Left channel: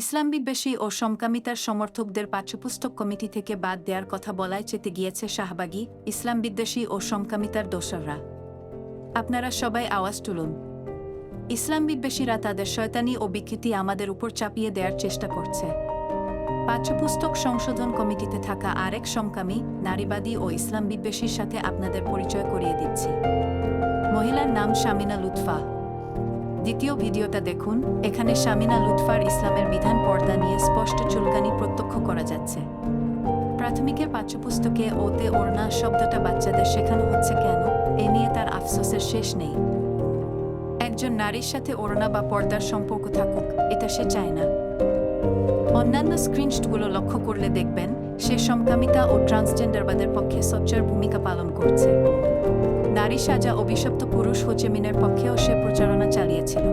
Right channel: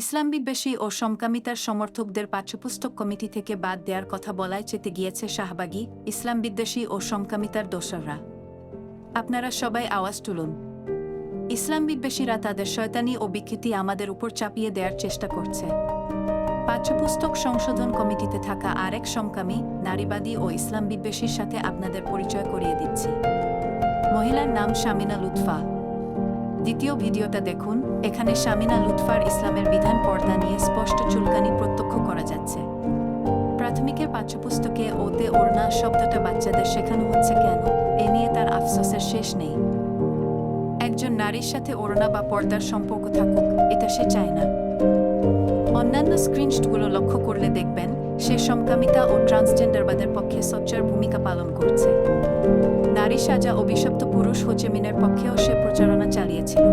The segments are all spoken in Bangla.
ইসলাম বিদ্বেষী ও সমকামিতার সমর্থকদের পাঠ্যপুস্তক কমিটি থেকে বাদ দেওয়ার কথা বলায় চেতে গিয়েছে শাহবাগী ইসলাম বিদ্বেষী ও সমকামিতার দোসররা। আপনারা সবাই আওয়াজ তুলুন। ইসলাম বিদ্বেষীরা তাদের শয়তানি ও বিকৃতি আমাদের উপর চাপিয়ে দেওয়ার চেষ্টা করছে। পাঠ্যপুস্তক সংশোধন কমিটিতে থাকা আরেক সমকামী, নারীবাদী ও ইসলাম বিদ্বেষীর সাথে আপনাদের পরিচয় করিয়ে দিচ্ছি। মহিলার নাম শামিনা লুৎফা। দ্বিতীয় ভিডিওটা দেখুন। এখানে শামিনা লুৎফার ইসলামের বিধান পর্দা নিয়ে স্পষ্ট চুলকানি প্রত্যক্ষ করা যাচ্ছে। প্রাথমিকের পাঠ্যপুস্তকে ওতে ওড়না শব্দটা বাচ্চাদের শেখানো হচ্ছে কেন, এ নিয়ে তার আফসোসের শেষ নেই। একজন নারীর সাথে ওড়না বা পর্দার সম্পর্ক থাকুক, এটা সে চায় না। অন্যান্য স্ক্রিনশটগুলো লক্ষ্য করলে দেখবেন সে সমকামিতা ও ট্রান্সজেন্ডারবাদের পক্ষে সোচ্চার ভূমিকা পালন করছে। নারী সাজা অভিশপ্ত পুরুষ হোচেমিনের পক্ষেও সে প্রচারণা চালিয়েছিল।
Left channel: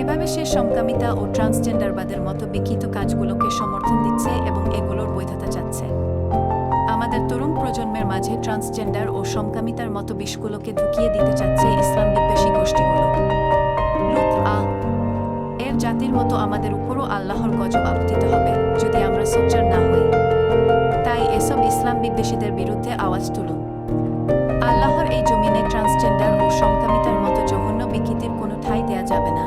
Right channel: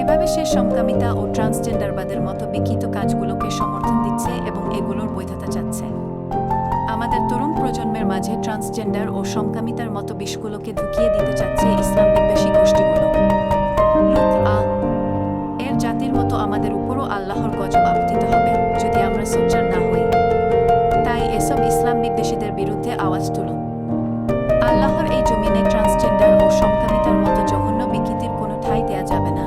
এভাবে সে সমকামিতা ও ট্রান্সজেন্ডারবাদের মতো বিকৃত কাজগুলোকে সমর্থন দিচ্ছে এবং এগুলোর বৈধতা চাচ্ছে। আমাদের তরুণ প্রজন্মের মাঝে ট্রান্সজেন্ডার ও সমকামিতার মতো বিষগুলোকে ঢুকিয়ে দিতে চাচ্ছে ইসলাম বিদ্বেষী গোষ্ঠীগুলো। এর জাতির মতো আমাদের উপরও আল্লাহর গজব আপতিত হবে যদি আমরা সোচ্চার না হই। তাই এসব ইসলাম বিদ্বেষীদের বিরুদ্ধে আওয়াজ তুলুন। আল্লাহর এই জমিনে ট্রান্সজেন্ডার ও সমকামিতার মতো জঘন্য বিকৃতির কোনো ঠাঁই দেয়া যাবে না।